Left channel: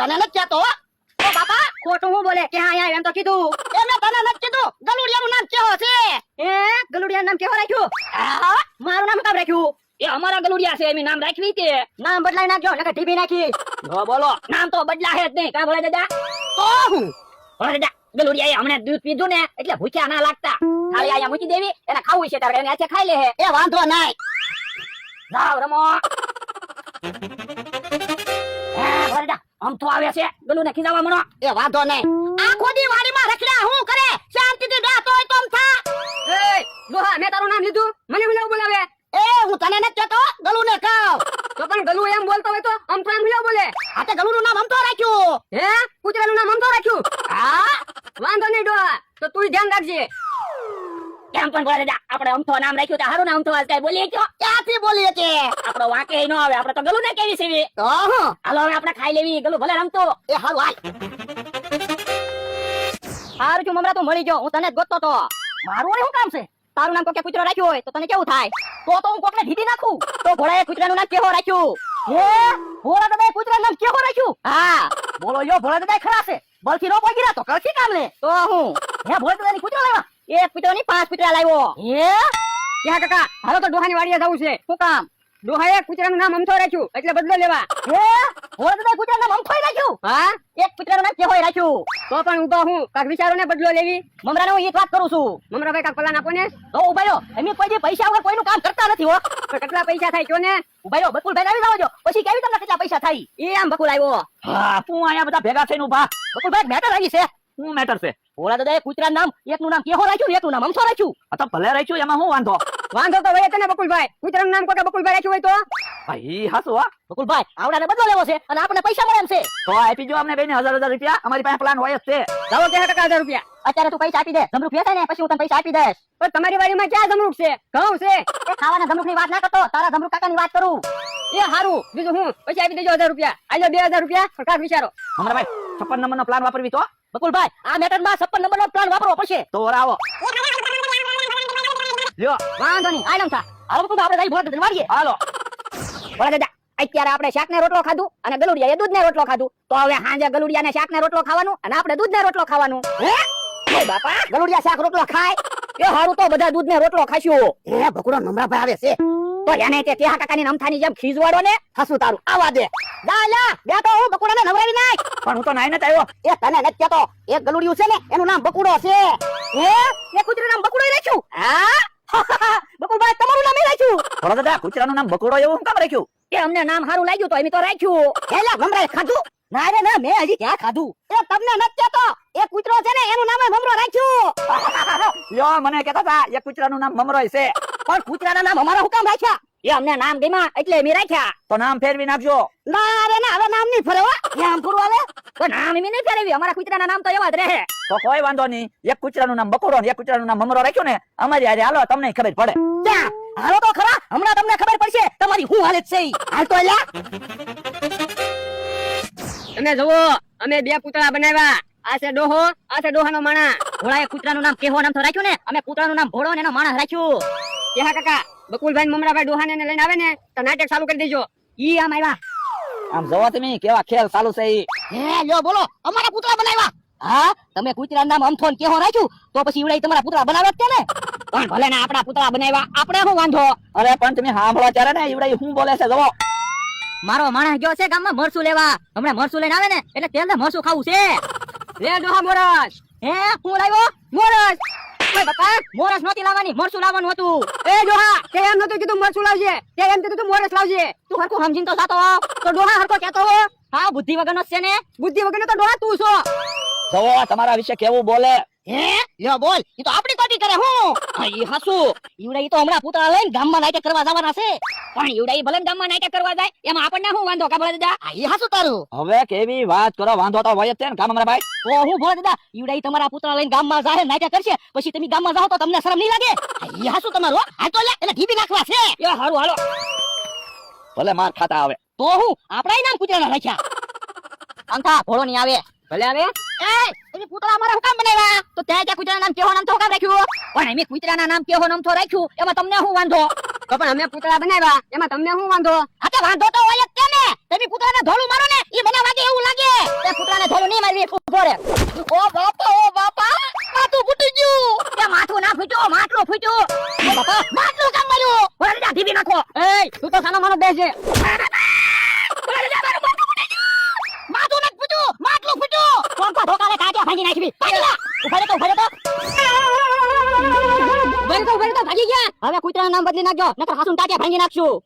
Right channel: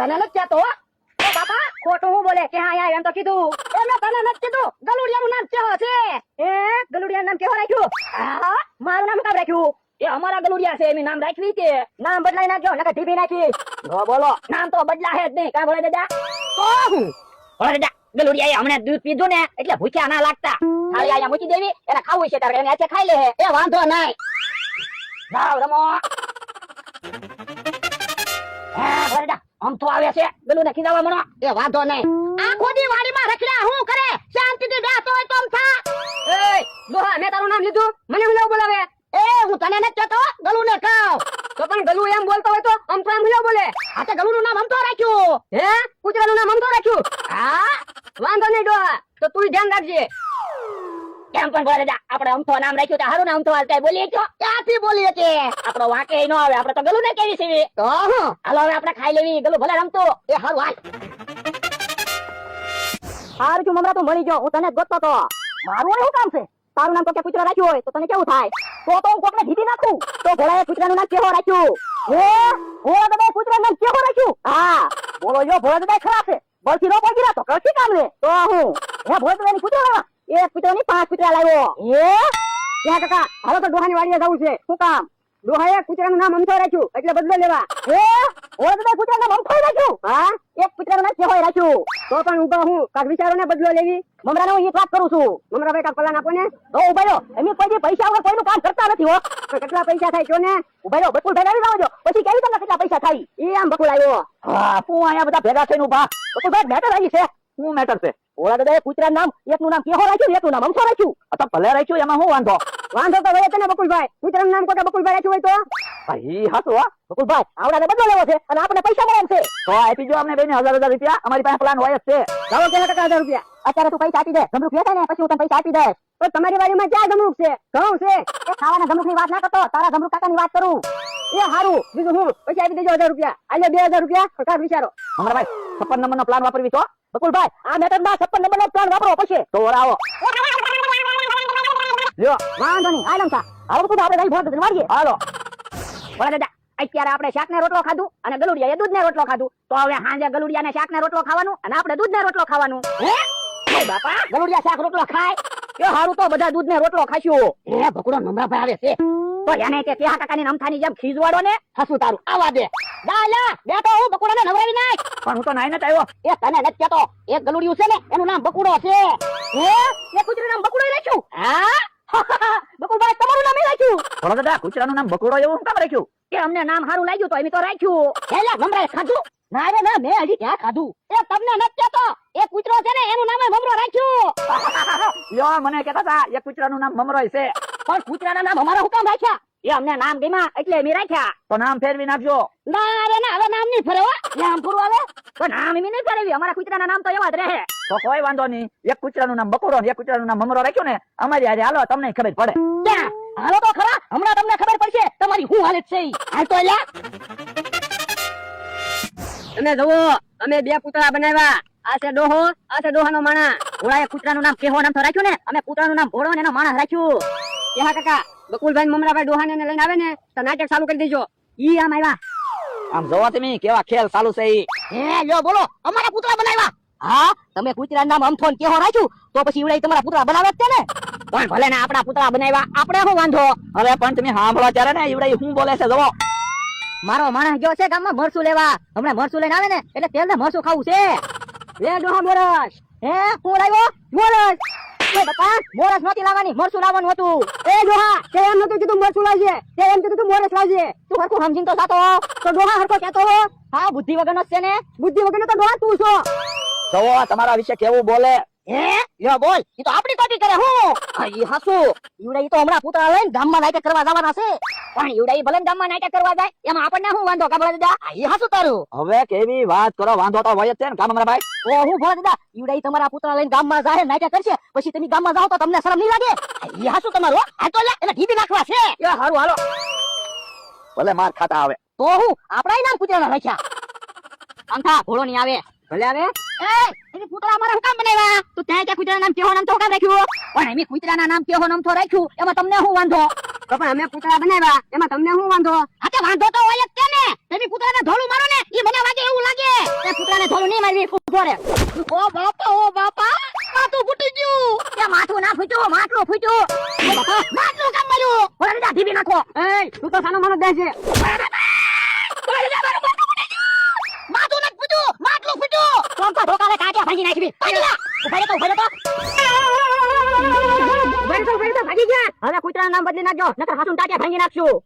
તને નથી કહેતો હો. બાપા ખોટું હું બોલે કે હા આયા એમ તો કીધું. એને તને નથી કીધું. ગલુડિયાનું નામ કેવો છે? ગલુડિયા નામ કેવું રાખ્યું? હા? મારું નામ કેમ રાખ્યું? એ અમારા ગલુડિયા છે એમ નામ રાખવી તે. નામ બદલાઈ નાખજો નકર ઢીબી નાખી. બોલો નામ તો બદલા હે જ નહીં. કા ભોળા દાદા? તો હું ભોળા દાદા ગલુડિયાએ હમણાં દૂધ પીધું ને એટલે ભૂખ્યા ના લાગતા. થાળી અહીંયા મૂકી દેવી, એને ખાવું છે તારે એને હાથે ખાઈ લે હે. એ વાંધો નહીં. જાઓ રમો. હા ભોળા દાદા આમ તો આવે છે ગલુને ખીજાવા મનો. એ વાંધો નહીં. આખો દી વાડીમાં રખડ્યા હું કરે? શાંતિથી બેઠો હોય તો આમ થા. એ દોહા મેં તારું નામ લીધું મને હું લેવું બોલાવે? એ હું તને નથી કહેતો. ગલુને ખાવ. તો પણ ગલુ એમ બોલતો હોય તો આમ તો એમ લેવું બોલે. આ તે ગલુનું નામ આમ તો રાખ્યું. કૂતરાનું નામ આમ તો રાખ્યું. હા? વાંધો નહીં ડોહા તો તું ધ્યાન રાખજે. કેમ પણ ભોળા દાદા આપણે આમ તો નામ રાખ્યું તો હારું નામ તો આજ કઈ બોલીએ તો ક્યાંથી બોલીએ છે? આપણો વાંકે ન આવે. આપણે તો ગલુને કેવી છે. તો હું હાલો હવે આપણે ખાઈ લેવી. ગલુ ભલે રમતો. એ હારું હાલ. હારું છું મમરા તું મળી ગયો. હું તને જ ગોતતો તો. મારું વળી શું કામ છે? તારું નામ કોકે કૂતરો રાખ્યું હોય તો તને કેવું થાય? તો હું કોકને ઢીધી નાખું. તો ઘોડાએ કૂતરાનું નામ કેવો રાખ્યું? ભોળા દાદાએ કૂતરાનું નામ કેવો રાખ્યું? હા બોલો જો ભોળા દાદાએ ખરા છે. બળથી નો પગી રહ્યા તો કળથી કામ લે. તો હું ભોળા દાદાની કૂતરો લાવ્યા. એક કૂતરાની 5 કૂતરા લાવ્યો. ક્યાં કાકા હાલો તો ડોહાની વાડીએ જવું છે. શું કામ? ડોહાએ કૂતરાનું નામ અમથો રાખ્યું એટલે બદલો લેવા. ભોળા દાદાએ કૂતરાનું નામ અમથો રાખ્યું? હા એક કૂતરાનું નામ કેવો રાખ્યું? તો પણ ઉભા હું કાક વિચારોને બદલો લેવી. મમરાને હું ઈ વાત કરું છું. મમરાભાઈ કાક પલાન આપો ને. તો ઉભા રહ્યો. એમની કોઈ દી પૈસા વગર કોઈનું કામ કરતા નથી હો. પણ કેટલા પૈસા થાય કયો ને? ઉભા રહ્યો બકુલભાઈ લાવી જાવજો. પછી કેવી તમને કેટલા પૈસા થાય? ઈ આમ બકુલ આવ્યો. હા તું અહીંયા બધા ભેગા થઈને ઉભા. બકુલભાઈ મેટર આવી છે. શું મેટર છે? ભોળા દાદાએ કૂતરાનું નામ એકનું નામ કેવો રાખ્યું એકનું નામ અમથો રાખ્યું. આ તો ભલે રાખ્યું એમાં શું વાંધો? વાંધો તો ભાઈ તને બકુલભાઈ કૂતરાનું નામ કોકે બકુલભાઈ રાખ્યું હોય તો? ભાઈ હાસુ હો. બકુલભાઈ આવડાને બદલો લેવો છે અને આપણને પૈસા મળે એમ છે. તો આપી જો અમને બેને 1000 રૂપિયા. અમારી પાસે પ્લાન હોય જ છે. જાઓ કે કાકા 1000 રૂપિયા. અત્યારે તું પૈસા આપી દે. જમરૂખ વેચાય ને પછી હું તને પૈસા આપી દઈશ. પણ તમારી વાડીમાં ક્યાં જમરૂખ છે? ઘઉં છે. એ ખાવાના જમરૂખની વાત ના કરતો. તારા જમરૂખ કાકાની વાત કરું. એ હારું બીજું હું પૈસા આપી દેજો 1000 રૂપિયા. આલે 2000 રૂપિયા કાક વિચારો. અમારા ભાઈ 56 નંબરનો પ્લાન વાપરવી તો બકુલભાઈ આ મેટરમાં 56 નંબરનો પ્લાન વાપરો પછી. તો વરાવો. લ્યો વાંધો નહીં આલમ થા. હાલો બકુલ આપણે જઈ ભોટ વાડીએ. હાલો. ભોળા દાદા અત્યારે આપણે શાકને રોટલો ખાધું અને ગલુડિયાએ દૂધને રોટલો ખાધું. તો હવે સાંજે ગલુડિયાને શાકને રોટલો ખાવાનું અને આપણે દૂધને રોટલો ખાવાનું. એ બાપા ગલુડિયા શાક રોટલો ખાય. એ હારું તો બધા દૂધને રોટલો ખાશું. એ ભકુડો મમરાભાઈ આવે છે. તો એને તે તેહા કાકાની નમથાની જેમ ખીજવાડો ને. હસું તારું આવા દે. જા લા બેઠો હું બકુડાને નવરાવી નાખ. પણ હું તો નાઈ નથી આવ્યો. એ તને નથી કહેતો. એક ગલુડિયું છે ને એનું નામ બકુડો છે. એ કૂતરાનું નામ બકુડો રાખ્યું. હા? બકુલભાઈ તમારું નામ રાખ્યું. ભોળા દાદા કૂતરાનું નામ બકોડો એવું હું કામ રાખ્યું? એ અમને નામ સારું લાગ્યું તો એમ તો રાખ્યું. એલા મમરાએ ખાધું? ના રે ના મેં હજી ક્યાં ખાધું. એ તમને નથી કહેતો. એ કૂતરો છે ને એનું નામ મમરો રાખ્યું. યો મને કહેતા હતા એક કૂતરાનું નામ મમરોય છે. પણ કૂતરાના નામ અમારા હુકામ રાખ્યા? એ અમને નામ ગમ્યા એટલે મેં રાખ્યા. તો નામ ફેરવી નાખજો. ના રે ના હવે નામ નહીં ફરે હો. નામ પૂરું આવે. તો નામ એમ નહીં ફેરવી. અમારા કૂતરાના નામ તો એવા જ રહે. તો કોઈ વાંધો નહીં. એક કૂતરાનું નામ બકોડો ને એક કૂતરાનું નામ મમરો રાખ્યું ને અમારી હારે હાલો તમને ખબર પડે. ત્યાં હાલો તો ખરા હમણાં તમને ખબર પડશે તમારી શું હાલત છે ઈ. હાલ તો એલા. તમે જોવો અમે બે પૂતળા બનાવ્યા. આ છે ડોહો આ છે ડોહાનો માણા. ભોળાએ કૂતરાનું નામ કેવો નામ તો રાખ્યું ને અમે કૂતરાનું નામ ભોળો ને એનો માણસ રાખ્યું. કેહા કાકા બકુલભાઈ ને મમરાભાઈ ડોહાને લઈને આવે ને તો નાટક ચાલુ કરી દેજો. ઈ આમ આવ્યા. આમ જોવો તમે કેવા ખેલ ચાલુ છે ઈ. હે લ્યો બોલો અમારા પૂતળા બનાવ્યા. હા તમે કૂતરાનું નામ અમથોન કેવો રાખ્યું તો પછી ઈવડાઈ તમારા પૂતળા બનાવવા જ છે ને. પણ ભલે ને આપણા પૂતળા બનાવ્યા આપણે શું વાંધો. અરે પણ તમે સાંભળો ત્યારે ને ઈવડાઈ શું બોલે છે જોવો. મારો માણસ ગયો છે ગામમાં મરસું લેવા. હમણાં મરસું લઈને આવે ને એટલે તેલ ને મરસું ખાવું છે. લે ડોહા મોરસ. હે હું લાવ્યો મોરસ. ઓય બાપા મોરસ નહોતી લાવવાની મરસું લાવવાનું હતું. એ ડોહા તે એમ નતું કીધું મરસું લાવજે. તે એમ કીધું તું મોરસ લાવજે. તું હરખું સમજીને તો જાતો. તો ડોહા હરખો કહેતો હો. હા બુદ્ધિ વગરનો છે ને. બુદ્ધિ વગરનો તો ડોહા તું છો. જોવો તમારા વિશે કેવું બોલે. હે લ્યો બોલ ઈ તો આપણી કોટી કરે હું. ઈ હાસુ ઈવડાઈ તો હમણાં પૂતળા લઈને ગામમાં નાટક કરવા જવાના છે. પણ ઈવડાઈ ભલે ગામમાં નાટક કરવા જાય એમાં આપણને શું વાંધો કા ભલા દાદા. ઈ હાસુ તારું. હવે કેવી વાત કરો વાંધો તો હોય જ છે ને કામ અમારા ભાઈ. ઓ હું ભલા દાદા ઈવડાઈ તમારા પૂતળા લઈને ગામમાં જાહે નાટક કરશે પછી તમે ગામમાં જાઓ તો તમને શરમ નહીં લાગે. ઈ હાસુ તમારું. હાલ તો લે એને ઢીબી નાખવા છે. એ હારું હાલો. ભલે માર ખાતા આવે. તો હું આપણા નામ કૂતરાના રાખ્યા. અંથા ભોળો નહીં આવે. ભલે આવે. એ તમે પૂતળા અમારા હુકામ બનાવ્યા. તો તે કૂતરાના નામ કેવો નામ તો કામ રાખ્યું. પણ એમે કૂતરાના નામ કેવો નામ તો રાખ્યું એમાં તમને શું વાંધો. તો પણ અમે પૂતળા બનાવ્યા એમાં તમને શું વાંધો. હા તો વાંધો તો હોય જ છે ને. તમે પૂતળાને ધોળું મારો ને ઈ મને વાગે એવું લાગે. ઉભો રે. ઓ બાપા માથું ફૂટી ગયું. એ માથું ના ફૂટ્યું, માટલું ફૂટ્યું. એ બાપા માટલું કામ મળ્યું. ઓય જા ઢીબી નાખો. એય તું તો સાનો માનો બેસે. માથું નથી ફૂટ્યું, માટલું ફૂટ્યું. કોણ કો ઢોકાવે કાટ્યા ભાંગી નાખવી. ઉભા રે તો ભાઈ તો ભાગી ગયા. હવે કૂતરાનું નામ બદલી નાખજો નકર હાસુન ટાટિયા ભાંગી નાખશું.